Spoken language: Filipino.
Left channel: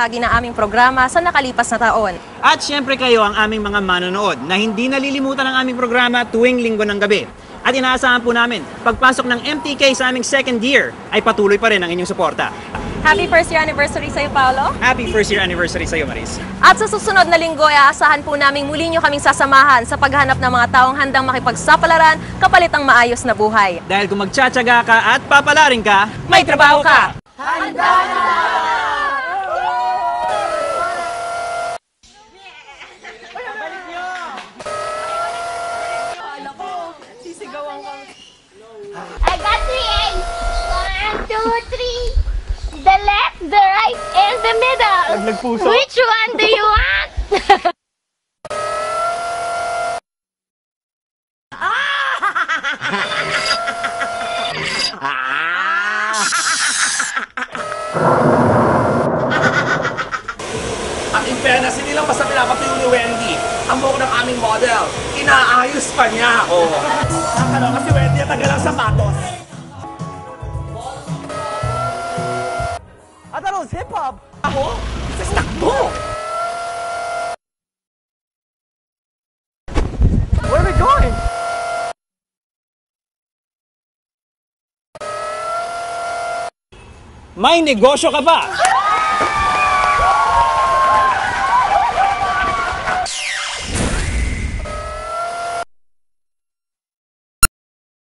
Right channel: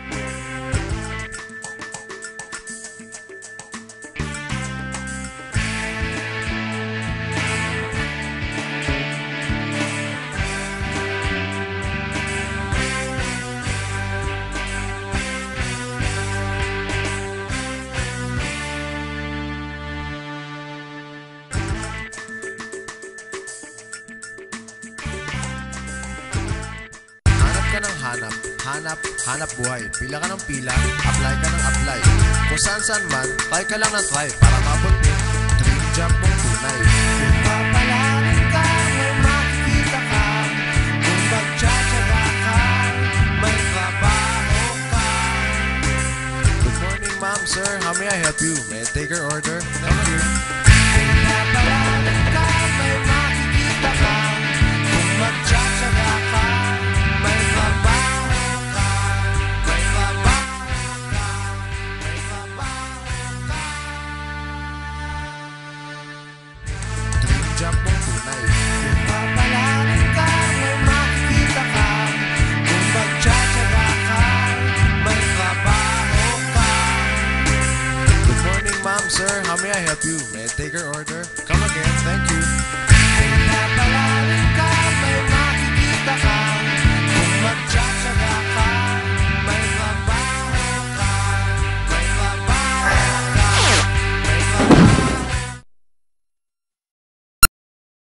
bahagi ng aming programa sa nakalipas na taon. At syempre kayo ang aming mga manonood na hindi nalilimutan ang aming programa tuwing linggo ng gabi. At inaasahan po namin, pagpasok ng MTK sa aming second year ay patuloy pa rin ang inyong suporta. Happy first year anniversary sa iyo, Paolo. Happy first year anniversary sa iyo, Maris. At sa susunod na linggo ay aasahan po namin muli nyo kaming sasamahan sa paghanap ng mga taong handang makipagsapalaran kapalit ang maayos na buhay. Dahil kung magtsatsaga ka at papalarin ka, May trabaho ka! Hanap buhay, pila ka ng pila, apply. Kung saan man, try ka lang ng try para mabot mo. Dream job mong tunay. I got 3 A's. 1, 2, 3. The left, the right, and the middle. Which one do you want? Ma'am, sir, how may I help you? Take your order. Thank you. Ang fairness, hindi lang basta pinapatuyo ni Wendy ang buhok ng aming model. Inaayos pa niya ako. Ano kasi Wendy, ang tagal ang sapatos. Ako? Ako? Good morning, ma'am, sir. How may I help you? Where are we going? Come again. Thank you. may negosyo ka ba?